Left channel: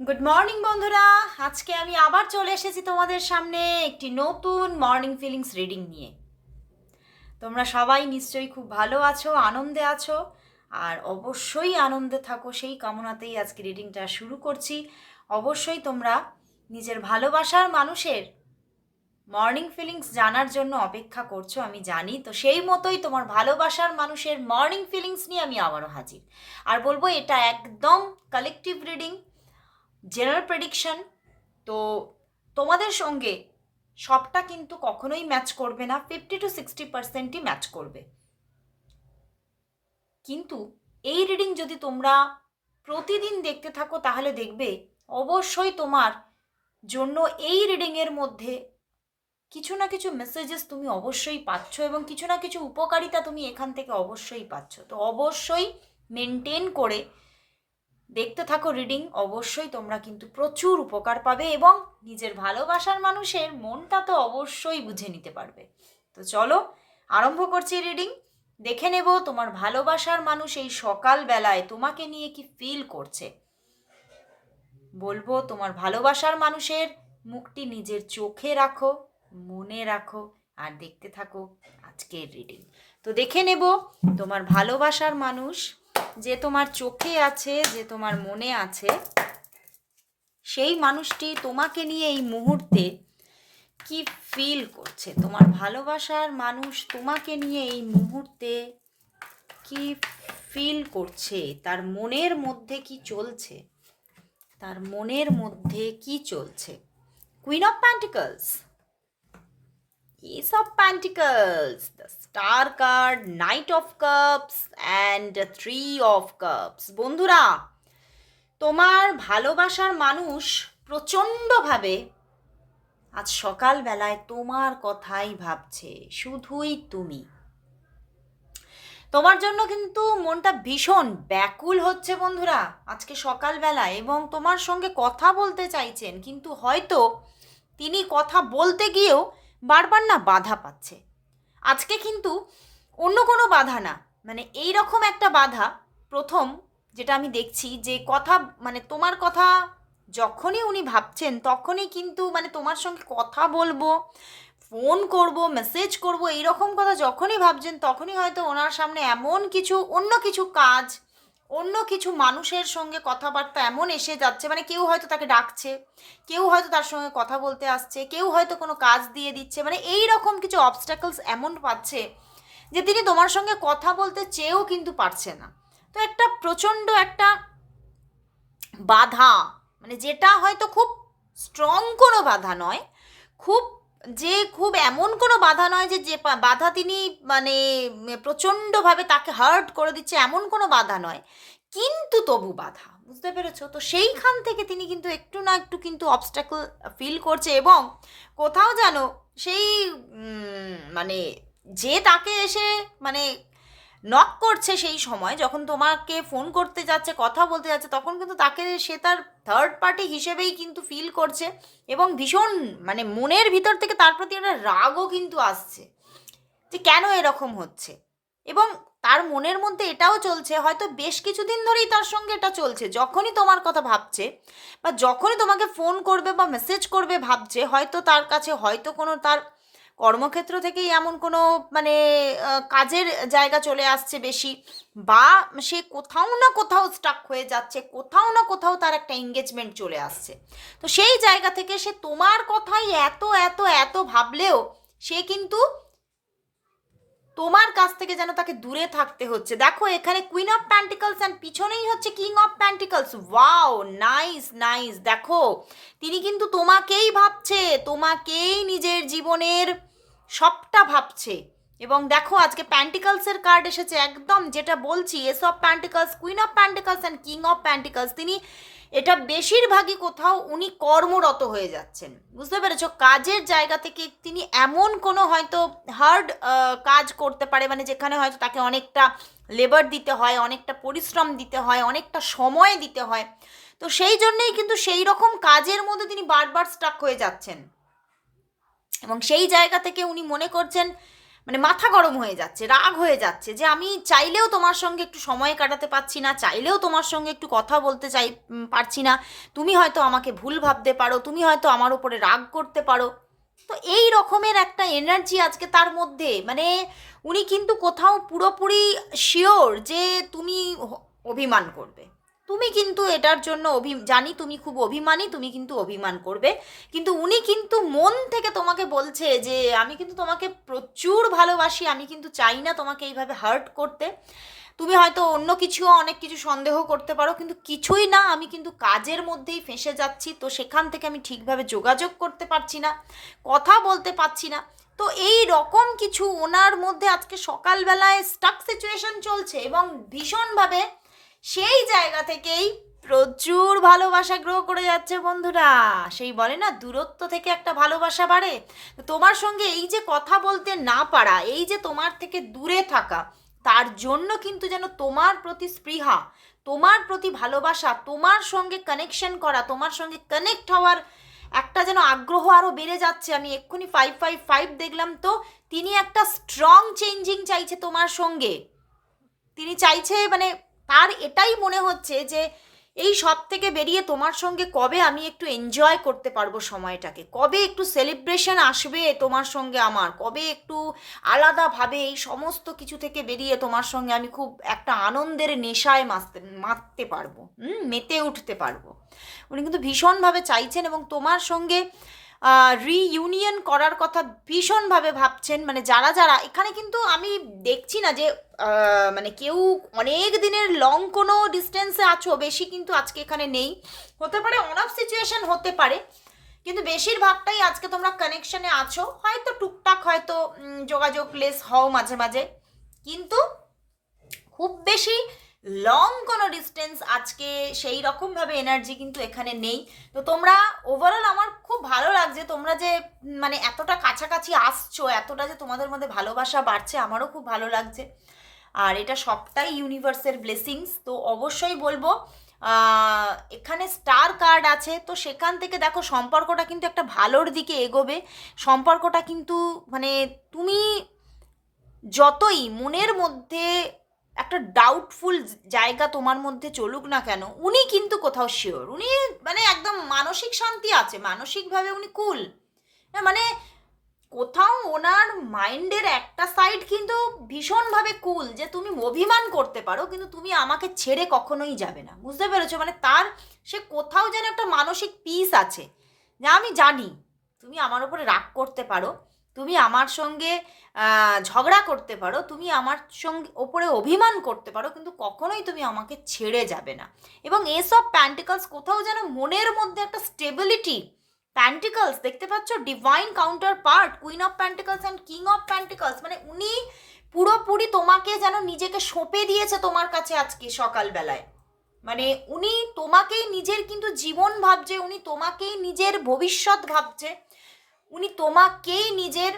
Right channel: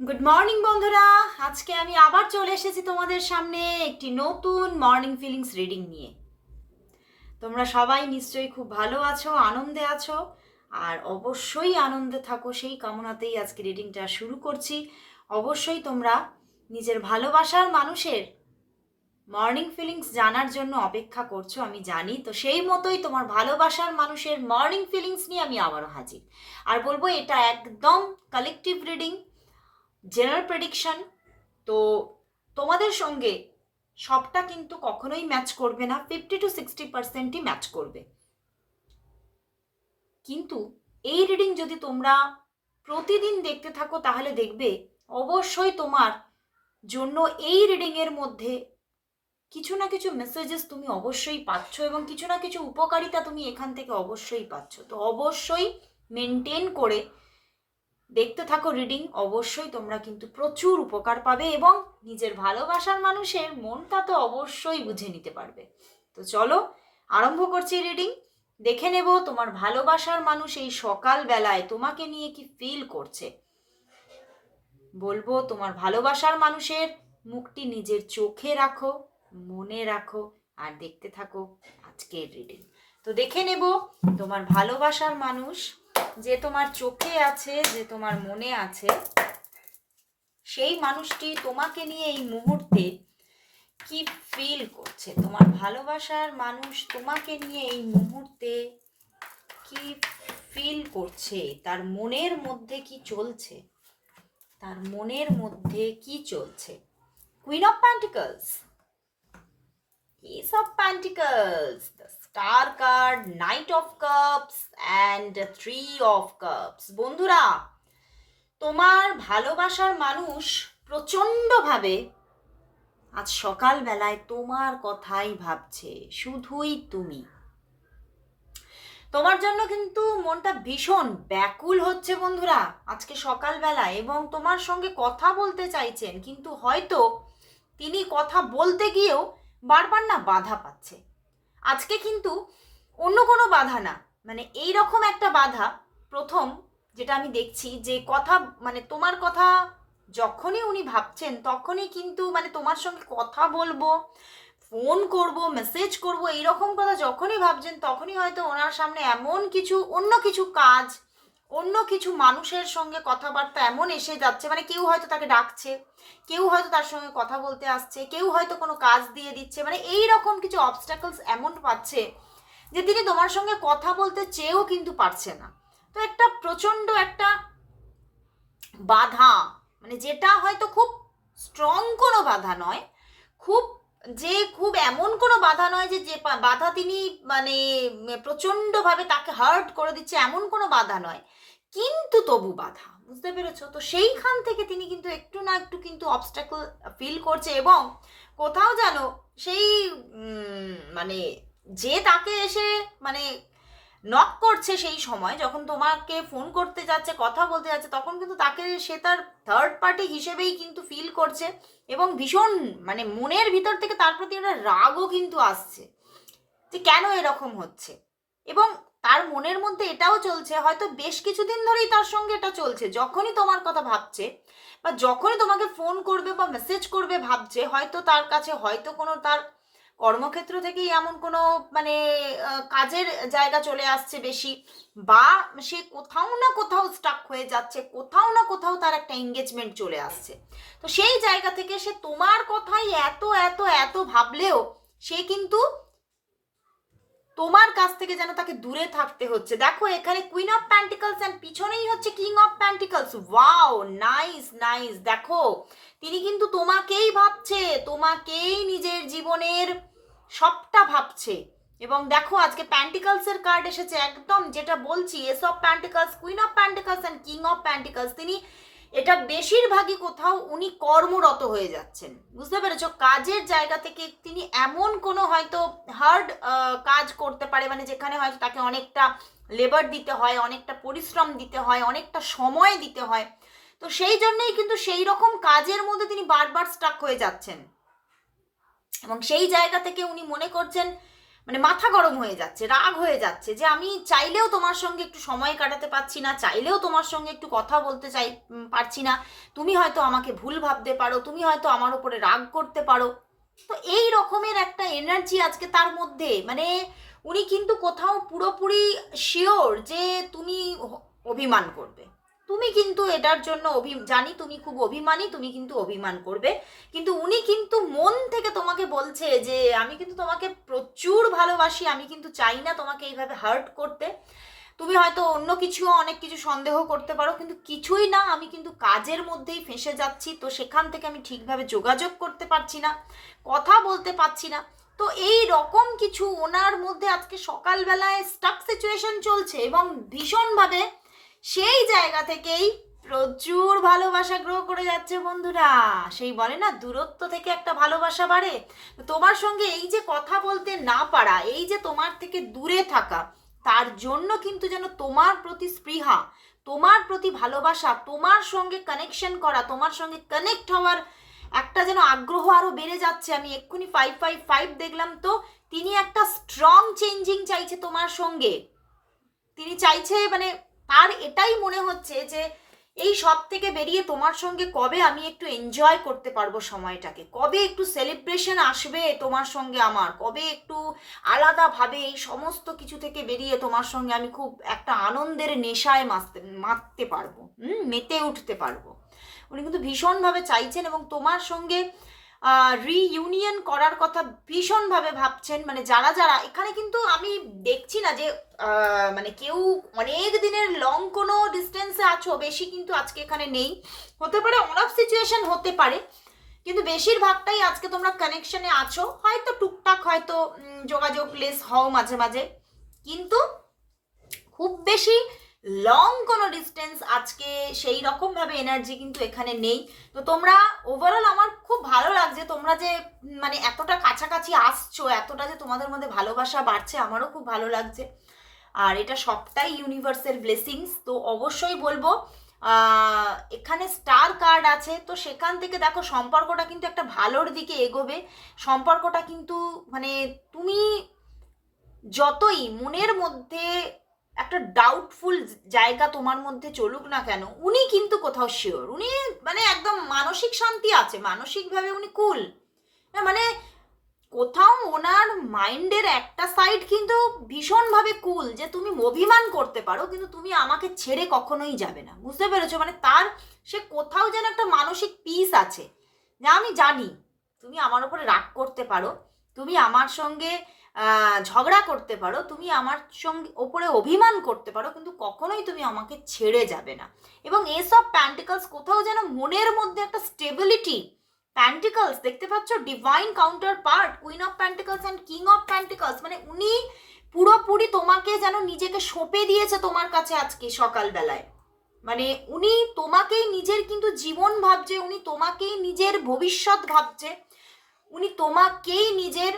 Good morning বন্ধুরা। আজকে আমি আবার চলে এসেছি তোমাদের সামনে একটি নতুন মর্নিং ফিলিংস রিডিং নিয়ে। তোমরা সবাই নিশ্চয়ই খুব ভালো আছো, আনন্দে আছো, আর অবশ্যই আনন্দে থাকো। সেই কামনাতেই আজকে রিডিংটা শুরু করছি। অবশ্যই তোমরা নিজের ভালোবাসার মানুষের মর্নিং ফিলিংস জানার জন্য অপেক্ষা করছ, আমি জানি। তো সেই মতোই তোমার ভালোবাসার মানুষের মর্নিং ফিলিংস নিয়ে আমি আবারও হাজির। আর বলব, এটা একদম কালেকটিভ রিডিং জেনারেল প্রেডিকশন তো তোমাদের সঙ্গে সবটা কিন্তু কখনোই ম্যাচ করবে না ফিফটি টু সিক্সটি পার্সেন্টই ম্যাচ করবে। কিন্তু এই রিডিং যদি তোমরা প্রতিদিন দেখতে থাকো, তাহলে দেখবে অবশ্যই তোমার জন্য এই রিডিংয়ের মধ্যে কিছু না কিছু মেসেজেস তুমি অবশ্যই পাচ্ছ এবং কিছু না কিছু উপকারিতা তুমি এখান থেকে অবশ্যই পাচ্ছ। তো অবশ্যই মেনটেন করে দেখতে থাকো রিডিং অবশ্যই তোমরা কিন্তু প্রচুর উপকার পাবে এবং নিজের ভালোবাসার মানুষের মনটা তো অবশ্যই বুঝে নিতে পারবে। তো চলো, আরম্ভ করছি রিডিং দেখে নেব তোমার ভালোবাসার মানুষ এই সকালবেলায় তোমাকে নিয়ে কি ফিল করছে। বলব, তোমার ভালোবাসার মানুষের মুখটি নিজের চোখে রাখো, মনে রাখো আর দেখতে থাকো আজকের রিডিং তো দেখে নেব তোমার ভালোবাসার মানুষ যে তোমার চোখে আছে, যে তোমার মনে আছে, সেই মানুষটি তোমাকে নিয়ে এই মুহূর্তে কি ফিল করছে? তোমার ভালোবাসার মানুষ তোমাকে নিয়ে এই মুহূর্তে কি ফিল করছে? তার মনের মধ্যে কি চলছে? তার মনের মধ্যে কি চলছে? Queen of pentacles Ace of Pentacles, the Star card, Knight of Cups, and Three of Cups. বন্ধুরা তোমার ভালোবাসার মানুষ প্রচণ্ডভাবে আজ সকালবেলায় তোমার কথাই ভাবছে শুধুই তুমি তোমার জন্য কিন্তু মনটা ভীষণ ব্যাকুল হচ্ছে বন্ধুরা আজকে সকালবেলা এবং তোমার সঙ্গে কথা বলতে চাইছেন কিন্তু হয়তো তিনি কথা বলতে গিয়েও বারবার না বাধা পাচ্ছে। আজকে কিন্তু অন্য কোনো বাধা না মানে এই রকম একটা বাধা, প্রথম যেটা আমি দেখছি যে কথা মানে তোমার কথা যখনই উনি ভাবছেন তখনই কিন্তু মানে তোমার সঙ্গে কথা বলব ফোন করব মেসেজ করব, এইরকম কথা যখনই ভাবছেন তখনই হয়তো ওনার সামনে এমন কিছু, অন্য কিছু কাজ অন্য কিছু মানুষের সঙ্গে কথাবার্তা এমন এসে যাচ্ছে মানে কেউ হয়তো তাকে ডাকছে, কেউ হয়তো তার সঙ্গে কথা বলতে আসছে, কেউ হয়তো কোনো কাজ দিয়ে দিচ্ছে মানে এই রকম কিছু অবস্টাকলস এমন পাচ্ছে যে তিনি তোমার সঙ্গে কথা বলতে চেয়েও কিন্তু পারছে না। তো একটা প্রচণ্ড একটা বাধা মানে যেটা হয়তো খুব স্ট্রং কোনো বাধা নয়, খুব যে খুব এমন কোনো বাধা নয় যে যে বাধা তিনি মানে প্রচণ্ডভাবে তাকে হার্ট করে দিচ্ছে, এমন কোনো বাধা নয়। কিন্তু তবু বাধা, বুঝতে পেরেছ? তো সেইখান থেকে তিনি কিন্তু একটু না একটু কিন্তু অবস্ট্যাকল ফিল করছে এবং কোথাও যেন সেই মানে যে তাকে এসে মানে নক করছে সেই সময়, যখন তোমাকে ফোন করতে যাচ্ছে, কথা বলতে যাচ্ছে, তখন কিন্তু তাকে সে তার থার্ড পার্টি হিসেবেই কিন্তু ফিল করছে এবং ভীষণ মানে মনের ভিতর থেকে তার প্রতি একটা রাগও কিন্তু আসছে যে কেন এরকম হচ্ছে? এবং তার মনের মধ্যে এটাও চলছে, হয়তো বেশ কিছুদিন ধরেই তার সঙ্গে এটা চলছে, যখনই তোমার কথা ভাবছে বা যখনই তোমাকে ফোন করবে বা মেসেজ করবে ভাবছে, হয়তো তার কাছে, হয়তো কোনো তার কর্মক্ষেত্র থেকেই এমন কোনো মানে কাজের জায়গা চলে আসছে বেশি বা সে কোথাও না কোথাও স্টাক হয়ে যাচ্ছে, কোথাও না কোথাও তার একটা এঙ্গেজমেন্ট চলে আসছে। তো সেই জায়গা থেকে সে তোমার কথাই এত এত এত ভাবলেও সে কিন্তু তোমার কাছ থেকে যেন তাকে দূরে থাকতে হচ্ছে। দেখো এখানে কুইন অফ প্যান্টিকলস অ্যান্ড পিছনেই হচ্ছে king of pentacles wow nice nice দেখো, তিনি কিন্তু তোমাকেই ভাবছে, তোমাকেই নিজের জীবনের সবটা ভাবছে। এবং দেখো, আজকে প্যান্টিকলসের কার্ড এসেছে একদম যেটা বলছি ace of pentacles queen of pentacles and king of pentacles তিনি এটা বেশিরভাগই কোথাও উনি কর্মরত হয়ে যাচ্ছেন। বুঝতে পেরেছ? কাজের জায়গা থেকে তিনি এমন কোনো হয়তো হার্ড কাজ করতে পারে মানে যেখানে হয়তো তাকে অনেকটা লেবার দিতে হয়, অনেকটা পরিশ্রম দিতে হয়, অনেকটা সময় দিতে হয়। তো সেই জন্যই কিন্তু সেই রকম কাজের মধ্যে তিনি বারবার স্টাক হয়ে যাচ্ছেন। এবং সেই জায়গা থেকে উনি মনে করছেন মানে মাথা গরম হয়ে যাচ্ছে, রাগ হয়ে যাচ্ছে যে আমি চাইলেও তোমার সঙ্গে একটু সময় কাটাতে পারছি না, চাইলেও তোমার সঙ্গে একটু কথা বলতে চাই পারছি না, তুমি হয়তো আমাকে ভুল ভাবতে পারো, তুমি হয়তো আমার উপরে রাগ করতে পারো। তো এই রকমের একটা এনার্জি আজকে তার মধ্যে মানে উনি কিন্তু কোথাও পুরোপুরি শিওর যে তুমি অভিমান করবে। তুমি কিন্তু এটার জন্য অভি, জানি তুমি খুব অভিমানী, তুমি কিন্তু অভিমান করবে। কিন্তু উনি কিন্তু মন থেকে তোমাকে বলছে যে, আমি কিন্তু তোমাকে প্রচুর ভালোবাসি, আমি কিন্তু চাই না তোমাকে এইভাবে হার্ট করতে। তুমি হয়তো অন্য কিছু অনেক কিছু সন্দেহ করতে পারো, কিন্তু কিছুই না, আমি কিন্তু কাজের মধ্যেই ফেঁসে যাচ্ছি। তো সেখান থেকে আমি ঠিকভাবে যোগাযোগ করতে পারছি না, কথা বলতে পারছি না। তো এই রকম কিছু ওনার মধ্যে আজকে সকালবেলায় স্টাক সিচুয়েশন চলছে এবং ভীষণভাবে সেই জায়গা থেকেই প্রচুর ভালোবাসা গ্রো করে যাচ্ছে বন্ধুরা। সেই বলে না, দূরত্ব থেকে একটা ভালোবাসা বাড়ে। তোমার সঙ্গে এই যে কথা বলতে না পারা, এই যে তোমার থেকে দূরে থাকা, তার জন্য কিন্তু যেন তোমার প্রতি স্পৃহা, তোমার প্রতি ভালোবাসা, তোমার সঙ্গে কানেকশন করা, তোমার সঙ্গে কানেক্ট হওয়ার একটা যেন আগ্রহ আরও বেড়ে যাচ্ছে। আমি এক্ষুনি ফাইভ ফাইভ ফাইভ দেখলাম তো, তিনি একটা স্ট্রং চেঞ্জিং চাইছে তোমার সঙ্গে। তিনি চাইছে মানে তার এটাই মনে হচ্ছে যে এই সব থেকে বেরিয়ে তোমার সঙ্গে কবে আমি একটু এনজয় করতে পারব সময়টাকে? কবে একটু সেলিব্রেশন আসবে তোমার সঙ্গে আমার? কবে একটু আলাদাভাবে এই সমস্ত কিছু থেকে বেরিয়ে তোমার সঙ্গে আমি খুব একটা আনন্দের নেশায় মাসতে মাততে পারব, হুম? মেতে উঠতে পারব। উনি কিন্তু ভীষণভাবে চাইছেন এবং তোমার সঙ্গে রিইউনিয়ন করার কথা ভীষণভাবে ভাবছেন। মানে যারা যারা, এখানে কিন্তু আমি দেখছি না যে মানে কেউ অনেক দিনের লং কোনো ডিস্টেন্সে আছো, বেশি কিন্তু আজকে এখানে নেই। হতে পারে অন সিচুয়েশন হতে পারে, কিন্তু বেশিরভাগটাই আজকে তোমরা কানেকশনে আছো। হয়তো টুকটাক হয়তো যোগাযোগ লেস হও মাঝে মাঝে। কিন্তু খুব বেশি লং কোনো ডিস্টেন্স আজকে সেই রকমভাবে এনার্জি কিন্তু এখানে নেই। তো তোমরা ওভারঅল আমার খুব ভালো লাগছে, তোমরা যে মানে এতটা কাছাকাছি আসছো, এতটা যে তোমাদের মধ্যে ভালোবাসা বাড়ছে, আমারও খুব ভালো লাগছে। আর এটা সবটাই ইউনিভার্সের ব্লেসিংস তো অবশ্যই বলব এখানে স্টার কার্ড আছে, তো সেখান থেকে দেখো সম্পর্কটা কিন্তু একটা ভালোর দিকে এগোবে। সম্পর্কটা কিন্তু মানে তুমি যতই মনের মধ্যে একটা ডাউটফুল জায়গা তোমার মধ্যে চলুক না কেন, উনি কিন্তু কোথাও শিওর উনি মানে একদম মানসিক শান্তি আছে, মানসিকভাবে উনি কুল মানে কোথাও ওনার মাইন্ডের একটা সাইড কিন্তু ভীষণভাবে কুল যে তুমি অভিমান করতে পারো, কিন্তু তুমি আমাকে ছেড়ে কখনোই যাবে না। বুঝতে পেরেছ? মানে তার, সে কোথাও যেন একটা মানসিক পিস আছে। যা আমি জানি, তুমি আমার উপরে রাগ করতে পারো তুমি আমার সঙ্গে ঝগড়া করতে পারো, তুমি আমার সঙ্গে ওপরে অভিমান করতে পারো, কিন্তু কখনোই তুমি আমাকে ছেড়ে যাবে না। এবং এসব প্যান্টিকলস কোথাও যেন মনের মধ্যে একটা স্টেবিলিটি প্যান্টিকলস, দেখতে পাচ্ছ? Divine counterpart queen of pentacles and king of pentacles মানে উনি পুরোপুরি তোমাকে যেন নিজেকে সঁপে দিয়েছে তোমার কাছে আজকে সকালবেলায়। মানে উনি তোমাকেই নিজের কিন্তু জীবন ভাবছে, উনি তোমাকেই নিজের ভবিষ্যৎ ভাবছে। উনি তোমাকেই নিজের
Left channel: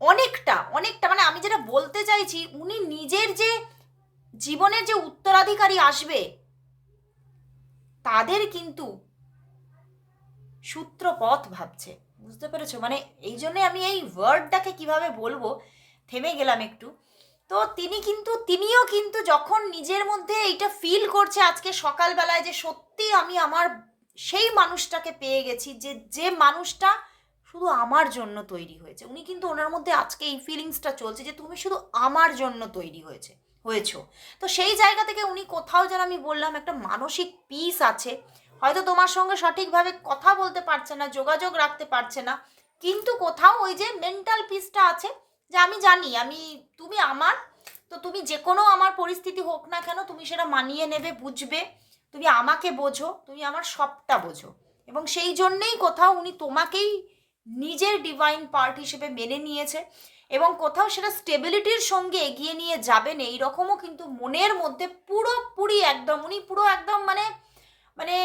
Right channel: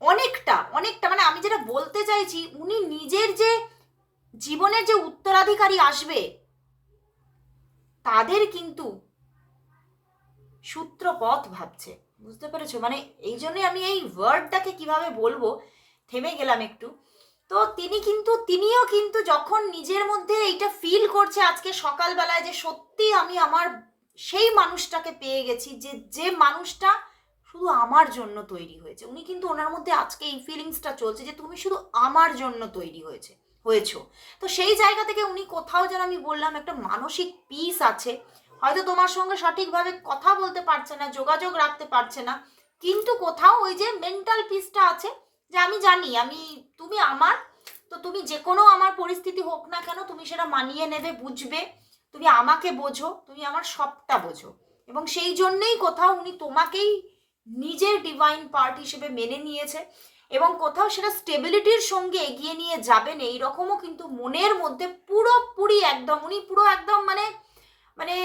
অনেকটা অনেকটা মানে আমি যেটা বলতে চাইছি, উনি নিজের যে জীবনের যে উত্তরাধিকারী আসবে, তাদের কিন্তু সূত্রপথ ভাবছে। বুঝতে পেরেছ? মানে এই জন্যে আমি এই ওয়ার্ডটাকে কীভাবে বলব, থেমে গেলাম একটু। তো তিনি কিন্তু, তিনিও কিন্তু যখন নিজের মধ্যে এইটা ফিল করছে আজকে সকালবেলায় যে সত্যি আমি আমার সেই মানুষটাকে পেয়ে গেছি যে যে মানুষটা শুধু আমার জন্য তৈরি হয়েছে। উনি কিন্তু ওনার মধ্যে আজকে এই ফিলিংসটা চলছে যে, তুমি শুধু আমার জন্য তৈরি হয়েছে, হয়েছো। তো সেই জায়গা থেকে উনি কোথাও যেন আমি বললাম একটা মানসিক পিস আছে। হয়তো তোমার সঙ্গে সঠিকভাবে কথা বলতে পারছে না, যোগাযোগ রাখতে পারছে না, কিন্তু কোথাও ওই যে মেন্টাল পিসটা আছে যে, আমি জানি, আমি, তুমি আমার, তো তুমি যে কোনো আমার পরিস্থিতি হোক না কেন, তুমি সেটা মানিয়ে নেবে, বুঝবে। তুমি আমাকে বোঝো, তুমি আমার সবটা বোঝো। এবং সেই জন্যেই কোথাও উনি তোমাকেই নিজের ডিভাইন পার্ট হিসেবে মেনে নিয়েছে এবং কোথাও সেটা স্টেবিলিটির সঙ্গে এগিয়ে নিয়ে যাবেন এই রকমও কিন্তু মনের মধ্যে পুরোপুরি একদম, উনি পুরো একদম মানে মানে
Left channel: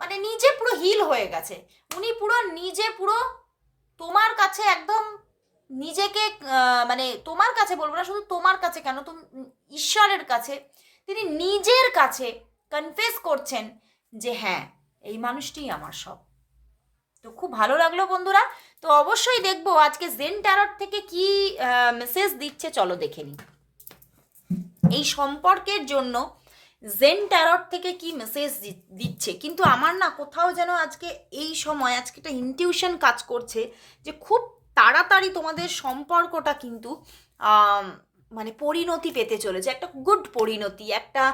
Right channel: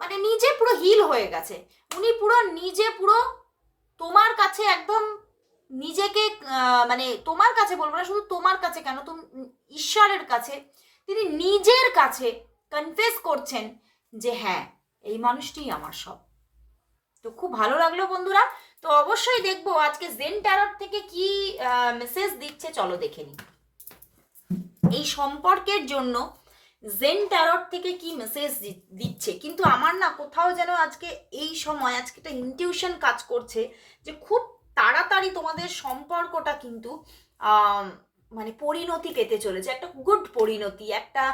মানে নিজে পুরো হিল হয়ে গেছে। উনি পুরো নিজে পুরো তোমার কাছে একদম নিজেকে মানে তোমার কাছে বলব না, শুধু তোমার কাছে কেন, তুমি, ঈশ্বরের কাছে, তিনি নিজের কাছে কনফেস করছেন যে হ্যাঁ এই মানুষটিই আমার সব। তো খুব ভালো লাগল বন্ধুরা। তো অবশ্যই দেখব আজকে জেন ট্যারট থেকে কি মেসেজ দিচ্ছে, চলো দেখে নিই। এই সম্পর্কের জন্য জেন ট্যারট থেকে কি মেসেজ দিচ্ছে? কিন্তু আমার না কোথাও যেন আজকে এই সময়, আজকে একটা ইনটিউশন কাজ করছে যে খুব তাড়াতাড়ি তোমাদের সম্পর্কটা কিন্তু মানে পরিণতি পেতে চলেছে, একটা গুড পরিণতি, একটা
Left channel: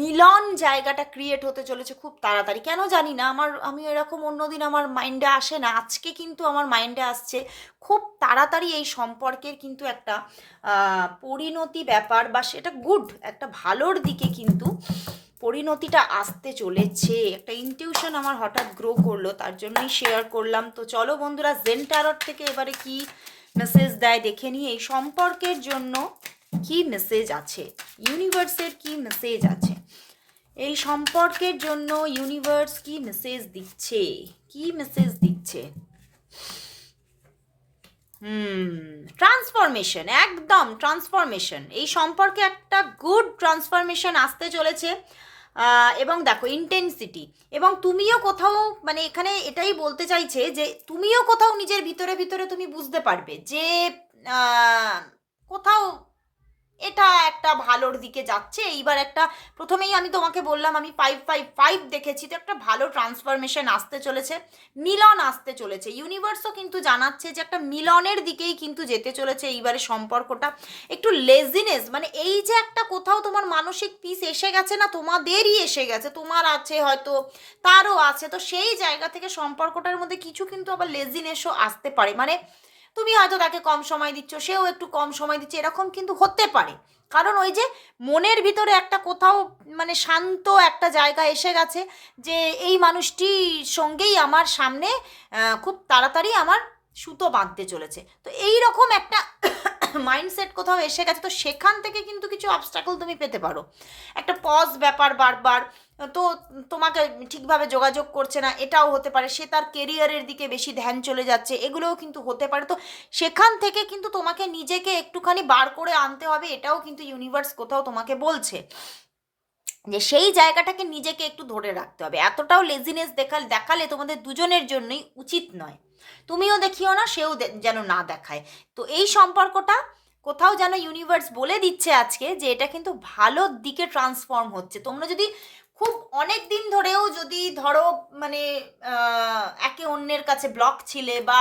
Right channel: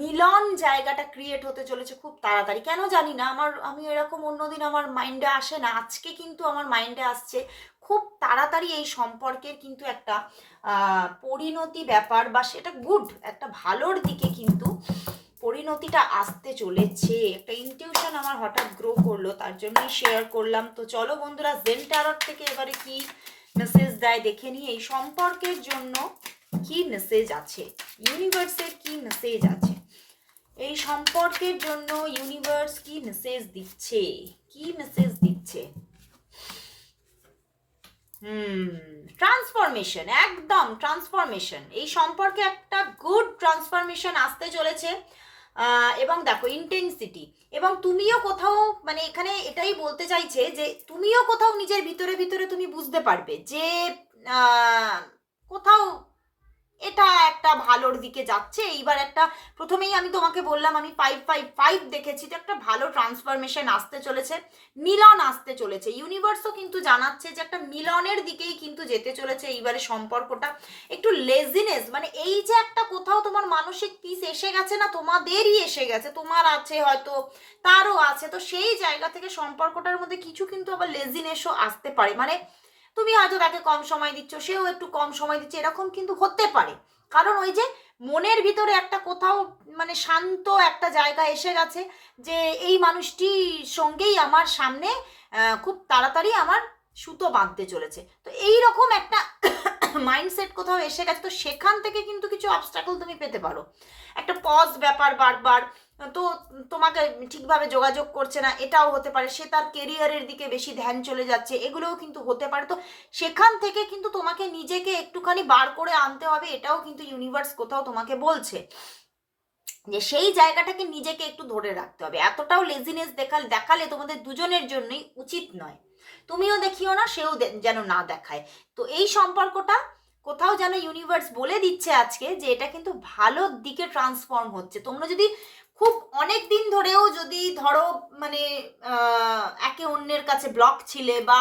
মিলন জায়গাটা ক্রিয়েট হতে চলেছে খুব তাড়াতাড়ি। কেন জানি না, আমার, আমি এরকম অন্যদিন আমার মাইন্ডে আসে না, আজকে কিন্তু আমার মাইন্ডে আসছে খুব তাড়াতাড়ি এই সম্পর্কের কিন্তু একটা পরিণতি ব্যাপার বা সেটা গুড একটা ভালোর দিকে কিন্তু পরিণতিটা আসতে চলেছে। একটা ইনটিউশন আমার হঠাৎ গ্রো করল, তার জন্যই শেয়ার করলাম। তো চলো বন্ধুরা জেন থেকে এবারে কি মেসেজ দেয় দেখে নিই। এই সম্পর্কের জন্য কি মেসেজ আছে? ইউনিভার্সের কি মেসেজ আছে? এই সম্পর্কের জন্য ইউনিভার্স কি মেসেজ দিচ্ছে? কি মেসেজ দিচ্ছে? হুম ট্রান্সফরমেশন একদম ট্রান্সফরমেশন এই সম্পর্কে একটা গুড ট্রান্সফরমেশন আসতে চলেছে এবং দেখো ইন্টেন্সিটি এবং তুমিও কোথাও মানে এখানে এটাই বলতে চাইছে যে তুমিও কোথাও নিজের ভিতরে ভিতরে তুমি বুঝতে পারবে যে কোথাও এটা একটা ভালোর দিকে যাচ্ছে। এইবার একটা, প্রথমেই আমি তোমাকে বললাম, আমি ফাইভ ফাইভ ফাইভ দেখেছি, তো একটা ভালো ট্রান্সফরমেশন আসতে চলেছে, মিলন আসতে চলেছে। ইউনিভার্সও কিন্তু জানাচ্ছে যে একটা মিলনের দিকেই কিন্তু যেতে চলেছে এইবারে সম্পর্কটা। একটু লেজিনেস মানে এই যে একটা কোথাও তোমার মানসিক পিস এসে গেছে না, তোমাদেরই এসে গেছে, তোমার আছে হয়তো, তারও আছে, তো সেই জায়গা থেকে সম্পর্কটার মধ্যে কিছু কিন্তু আবার লেজিনেসও আসতে পারে। মানে তুমি হয়তো তাকে কম সময় দিচ্ছ, সেও একটু কম সময় দিচ্ছে, এরকম কিন্তু হতে পারে। কারণ ওই যে মনের ভিতরে একটা কোথাও মানে শান্ত একটা জায়গা এসে গেছে যে এই মানুষটির সঙ্গেই আমার সামনে খুব তাড়াতাড়ি আমার সুতো বাঁধতে চলেছে। তো এই রকম একটা মাইন্ডসেট কোথাও এসে গেছে, তো সেখান থেকে কিন্তু কিছু অবস্ট্রাকল তুমি পেতে পারো। একটা পজ ব্যাপার বারবার, তো তোমাকে ঠিকভাবে যোগাযোগ করছে না, এটাও হতে পারে, সে তার কেরিয়ারের দিকে বেশি ধ্যান চলে যাচ্ছে, এগুলোও কিন্তু হতে পারে। তো সেখান থেকে কিন্তু তোমাকে নিজেকে একটুখানি বার করে আনতে হবে, এটাও কিন্তু ইউনিভার্স কোথাও তোমাকে বলছে। যে সেই জায়গাটাকে নিজেকে একটু ধরে রাখতে হবে। এতটাও লেজিনেস দেখাল, দেখালে তোমাদের দুজনের জন্যই উচিত নয়। তুমিও দেখিও না, সেও যেন না দেখায়। তো এই সম্পর্কটা কোথাও যেন ইউনিভার্স বলে দিচ্ছে আজকে যে এটা কিন্তু ভালোর দিকে ট্রান্সফর্ম হচ্ছে। তোমরা যদি খুব অনেক দিন ধরেও যদি ধরো মানে একে অন্যের কাছে ব্লক ছিলে বা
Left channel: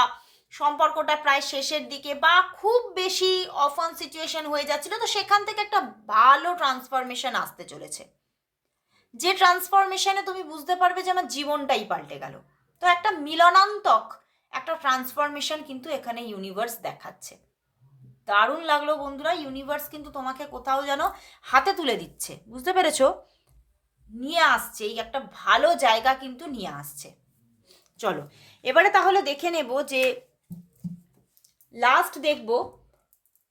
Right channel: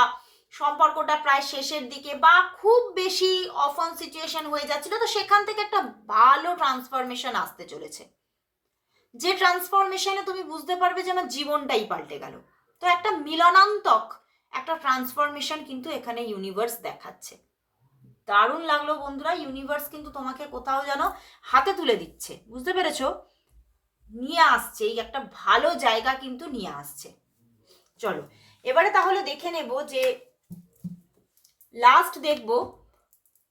সম্পর্কটা প্রায় শেষের দিকে বা খুব বেশি অফন সিচুয়েশন হয়ে যাচ্ছিল, তো সেখান থেকে একটা ভালো ট্রান্সফরমেশন আসতে চলেছে। যে ট্রান্সফরমেশনে তুমি বুঝতে পারবে যে আমার জীবনটাই পাল্টে গেল। তো একটা মিলনান্তক, একটা ট্রান্সফরমেশন কিন্তু এখানে ইউনিভার্স দেখাচ্ছে। দারুণ লাগল বন্ধুরা ইউনিভার্স কিন্তু তোমাকে কোথাও যেন হাতে তুলে দিচ্ছে। বুঝতে পেরেছ? নিয়ে আসছে, এই একটা ভালো জায়গা কিন্তু নিয়ে আসছে। চলো, এবারে তাহলে দেখে নেব যে লাস্ট দেখব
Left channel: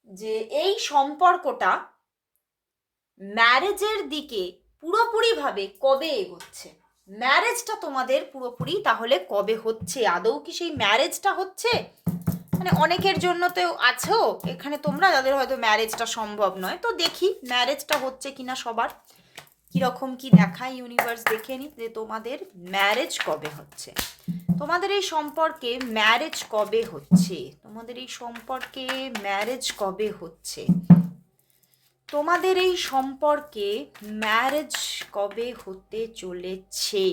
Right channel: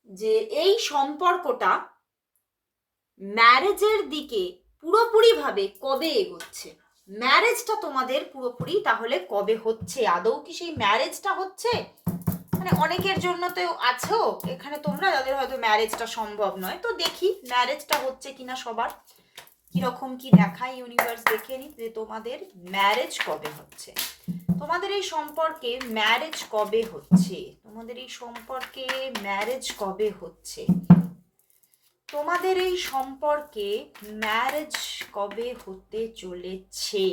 যে এই সম্পর্কটা ম্যারেজের দিকে পুরোপুরিভাবে কবে এগোচ্ছে? ম্যারেজটা তোমাদের পুরোপুরি তাহলে কবে হচ্ছে? আদৌ কি সেই ম্যারেজটা হচ্ছে? মানে অনেকের জন্য তো আছো এখানে তোমরা যাদের হয়তো ম্যারেজটা সম্ভব নয়, তো দেখি ম্যারেজটা হচ্ছে কিনা সবার। কীরকম কি দেখায় ইউনিভার্স দেখে নি যে তোমাদের ম্যারেজ কবে হচ্ছে? তোমাদের এই সম্পর্কে ম্যারেজ কবে হচ্ছে? তোমাদের এই সম্পর্কে ম্যারেজ কবে হচ্ছে? তোমাদের এই সম্পর্কে ম্যারেজ কবে হতে চলেছে?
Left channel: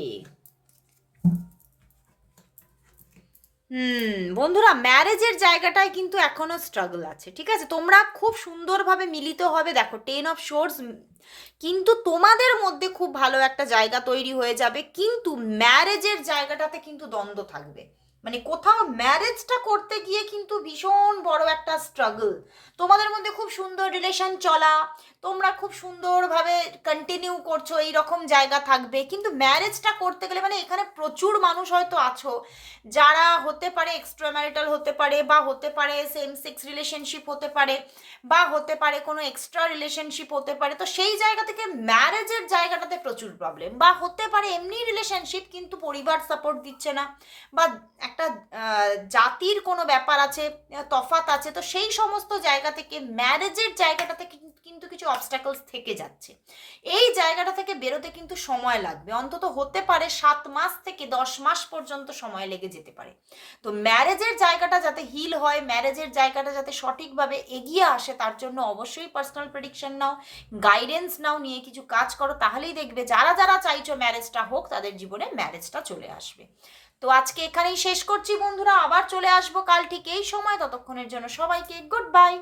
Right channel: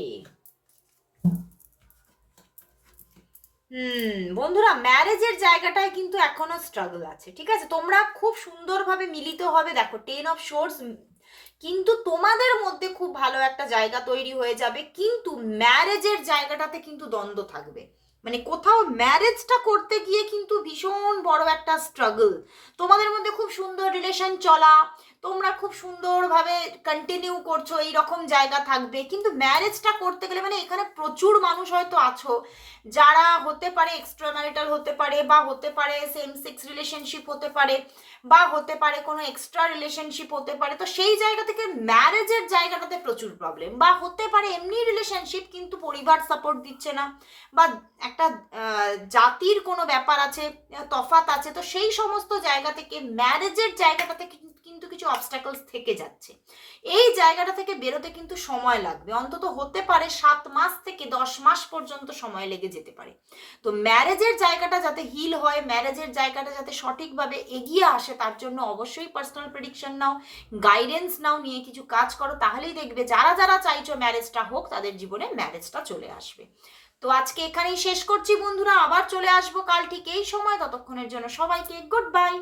হুম, বন্ধুরা ম্যারেজের জায়গাটায় কিন্তু এখনও স্ট্রাগল আছে, ঠিক আছে? তোমরা খুব সুন্দরভাবে মিলিত হবে, দেখো টেন অফ শোর্স কিন্তু তোমাদের মধ্যে খুব ভালো একটা জায়গা তৈরি হয়ে যাবে, কিন্তু ম্যারেজের জায়গাটাতে কিন্তু দ্বন্দ্ব থাকবে। মানে কোথাও ম্যারেজটা করতে গিয়ে কিন্তু ভীষণ বড় একটা স্ট্রাগল তোমাদের মধ্যে খুব সুন্দর রিলেশন চলা, তোমরা খুব সুন্দরভাবে কন্টিনিউ করছ, এই রকম জায়গা থাকবে। কিন্তু ম্যারেজটা করতে গেলে মানে এখানে প্রচুর মানুষ হয়তো আছো, যারা হতে পারে এক্সট্রা ম্যারিটাল হতে পারে বা হতে পারে সেম সেক্স রিলেশনশিপ হতে পারে বা হতে পারে কোনো এক্সট্রা রিলেশনশিপ হতে পারে। তো সেই জায়গা থেকে ম্যারেজের জায়গাটাতে প্রচুর প্রবলেম বা হতে পারে এমনি রিলেশনশিপ কিন্তু পরিবার সাপোর্ট দিচ্ছে না বা একটা জাতির কোনো ব্যাপার আছে তফাত আছে, তো সেই সমস্ত জায়গা থেকে ম্যারেজের জায়গাটাতে কিন- কিন্তু কিছু অবস্টাকলস থেকে যাচ্ছে। এই জায়গাটা থেকে বেরোতে কিন্তু সময় লাগবে। অন্তত হতে পারে সাত মাস থেকে দশ মাস পর্যন্ত সময় লেগে যেতে পারে। তো ম্যারেজের জায়গাটা যাতে হিল হয় ম্যারেজের জায়গাটা যাতে সঠিকভাবে এগিয়ে আসে, তার জন্য অবশ্যই পার্সোনাল প্রেডিকশন নাও গাইডেন্স নাও, নিয়ে কিছু কাজ করো, তাহলেই দেখবে যারা যারা চাইছো ম্যারেজটা হোক, তাদের জীবনে ম্যারেজটা চলে আসবে। তো আজকে এখানেই শেষ করছি বন্ধুরা, আবার চলে আসব কাল ঠিক এই সময়। ততক্ষণের জন্য সবাইকে গুড বাই